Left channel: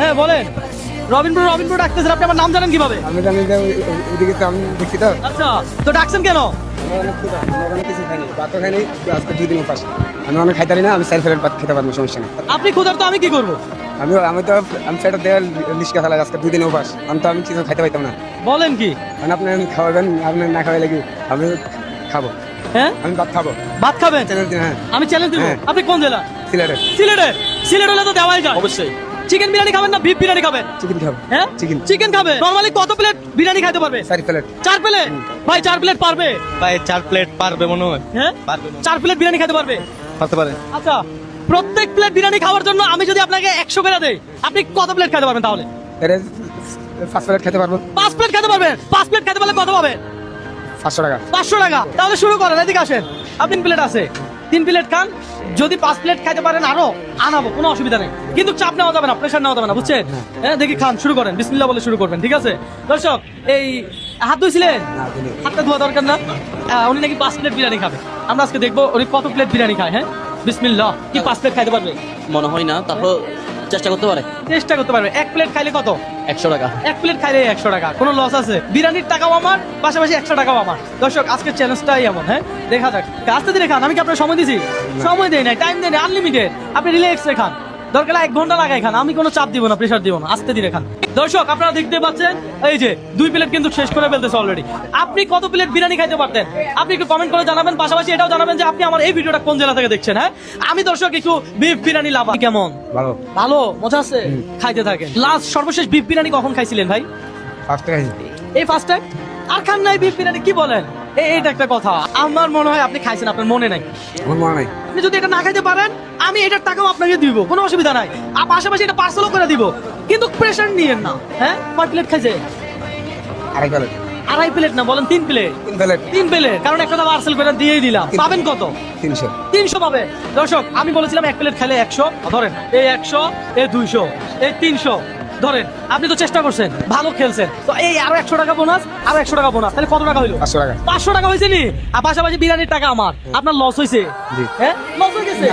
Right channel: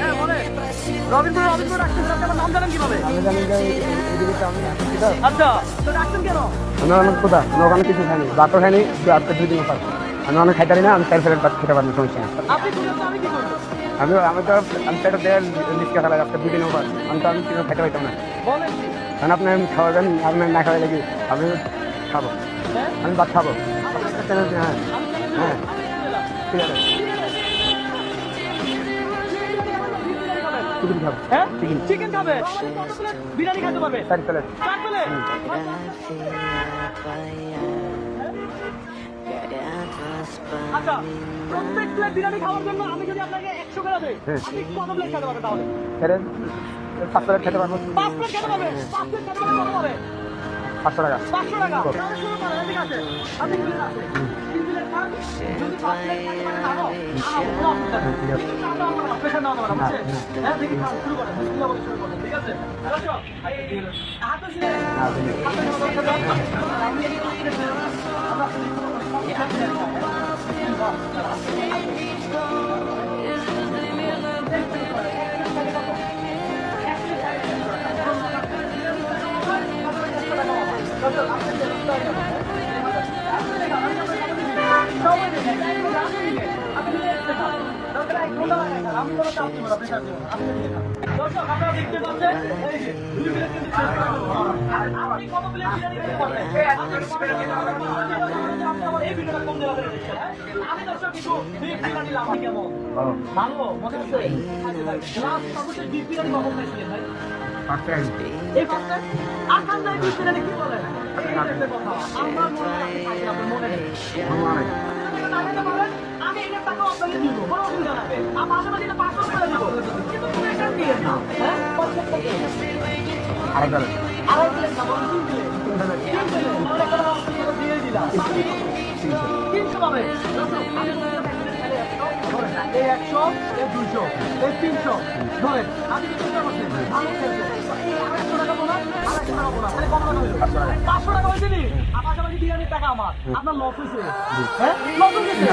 হ্যাঁ বলে রবীন্দ্র রবীন্দ্র ডাকতেছেন, আপনি আমার নাম জানেন কিভাবে? আমি জানি যে ওইদিকে তো আমি দেখছি তো আচ্ছা, তো ডাকছেন কেন? ওখানে কিছু খাইনি, ভাতও খাইনি, আজকে 2 দিনের পাশ আমি অনেক খাইতে পারি না, আমি স্যার ফেরত ভাত খেতে পারবো, সমস্যা নেই। আপনি ক্ষুধার তো আমি কি করবো? আমি সেটা দেওয়ার লিস্টকে ফেলা আজকে 2 দিনের পাশ আমি কিছু খাইতে পাইতাম না। বলেন কি? কারণ আপনি আমি খাওয়াবেন, আপনার না খাওয়া লাগি আমি খাবো। হ্যাঁ আমি ভাত খাবো। ভাত খাবেন? হ্যাঁ আমি চ্যালেঞ্জ দেবো। হ্যাঁ। আপনি কোন জেলা? সিলেটে। সিলেটে? সিলেট হলে তো দেওয়াই যায় অবশ্যই। চিকেন বিরিয়ানি খাবেন না বিফ বিরিয়ানি খাবেন? চিকেন খাবো। হ্যাঁ চিকেন। চিকেন খাবে। নরমালি কত প্লেট বিরিয়ানি খেতে পারবে? 4 প্লেট। 4 প্লেট? ভাই 4 প্লেট পারবে? ভাই 4 প্লেট পারবে মনে হয়। হ্যাঁ 4 প্লেট বিরিয়ানি খেতে পারবে? হতে পারে। আচ্ছা, প্রত্যেক প্লেট বিরিয়ানি খাওয়ার জন্য আমি যদি আপনাকে 100 করে দেই, আপনি কত প্লেট খেতে পারবেন তাহলে? 5 প্লেট খেতে পারবো। 5 প্লেট খেতে পারবেন? 5 প্লেট খেতে পারলে কত পাবে? 500 টাকা। 500 টাকা। তাহলে শুরু করেন, এদিকে আসেন। আপনি 3 প্লেট আছে, 3 প্লেট খান। যদি 5 প্লেট খেতে পারেন আরো আনাবো, কোনো অসুবিধা নেই, কিন্তু চাপ নেওয়া যাবে না, প্রেশার নেওয়া যাবে না, বুঝছেন? হ্যাঁ দেখি খান, শুরু করেন, বিসমিল্লাহ বলে শুরু করবেন, ঠিক আছে? দর্শক, এই হাত ধুইছিলেন? হাতটা ধোয়া দরকার না। উনি নাকি 5 প্লেট বিরিয়ানি খাবে। আমরা আজকে দেখবো উনি কত প্লেট বিরিয়ানি খায়। হ্যাঁ বিসমিল্লাহ। কি 5 প্লেট খাইতে পারবে? মনে হয় না, তাহলে চেষ্টা করতে পারে। চেষ্টা করতে পারবে। 1 প্লেট খাইলে কত? 100 টাকা। 1 প্লেট খাইলে 100 টাকা। কোনো লস আছে? বিরিয়ানির টাকাও আমার, পাশাপাশি 100 টাকাও আমার। দর্শক, আজকের চ্যালেঞ্জটাই আমার। হ্যাঁ দেখা যাক। আস্তে ধীরে খান, আমি কি আপনার সময় দিছি? সময় দেই নাই, টাইম দেই নাই, আনলিমিটেড। আপনি রিল্যাক্সে খান, দরকার 1 ঘন্টা লাগাই খান, আমি কোনো চাপ দিব না, প্রেশার দিব না, আস্তে ধীরে খান। দর্শক, আপনারা দেখতে পাচ্ছেন এই যে 2 প্লেট কিন্তু শেষ করে ফেলতেছে অলরেডি। আপনি কত প্লেট বিরিয়ানি খাইতে পারতেন? আপনি একটু কমেন্ট করে জানাবেন, পাশাপাশি এটাও জানাবেন যে আপনি আমার এই ভিডিওটা কোন জেলা থেকে দেখছেন। হ্যাঁ আমি দর্শক একটু বিফ বিরিয়ানি লাভ কেমন? ভালো। ভালো, মজা আছে? খাইতে থাকে। লাস্ট সর্বশেষ বিফ বিরিয়ানি কখন খাইছিলেন ভাই? 5 টাকা। এই ফার্স্ট টাইম? আর খান নাই বিফ বিরিয়ানি? কি বলেন? এইটা একটা কথা। আমার মনে হয় আপনি খাইছেন, আপনার মনে নাই। আমার মনে নাই। আপনি যদি এটা না খাইতে পারেন, আমি এটার টাকাও আপনাকে দিব, কোনো অসুবিধা নাই। আর পাশাপাশি এটা পার্সেলও করে দিব, কিন্তু প্রেশার নিয়েন না। হ্যাঁ 5 প্লেট খাইছে? 2.5 প্লেট। 2.5 প্লেট না, বলেন 3 প্লেট। 3 প্লেট। 3 প্লেট, কারণ একটা পার্সেল করে দিয়েই দিলাম। পাবেন কত? 300। 300 পাবে। দর্শক, আমি বলেছিলাম 1 প্লেট খাইলে 100, ধরেন এই 100, এই 200, এই 300 ধরেন। আপনি তো চেষ্টা করছেন, ভালো খেলছেন, তো এই আরো 100 টাকা বোনাস, আরো 100 টাকা বোনাস, তাহলে কত টাকা হইলো? 500 টাকা। 500 টাকা হয়েছে নি? আর পাশাপাশি বিরিয়ানির টাকা আমার। আপনার লস হয়েছে? হ্যাঁ লস হয়ে গেছে।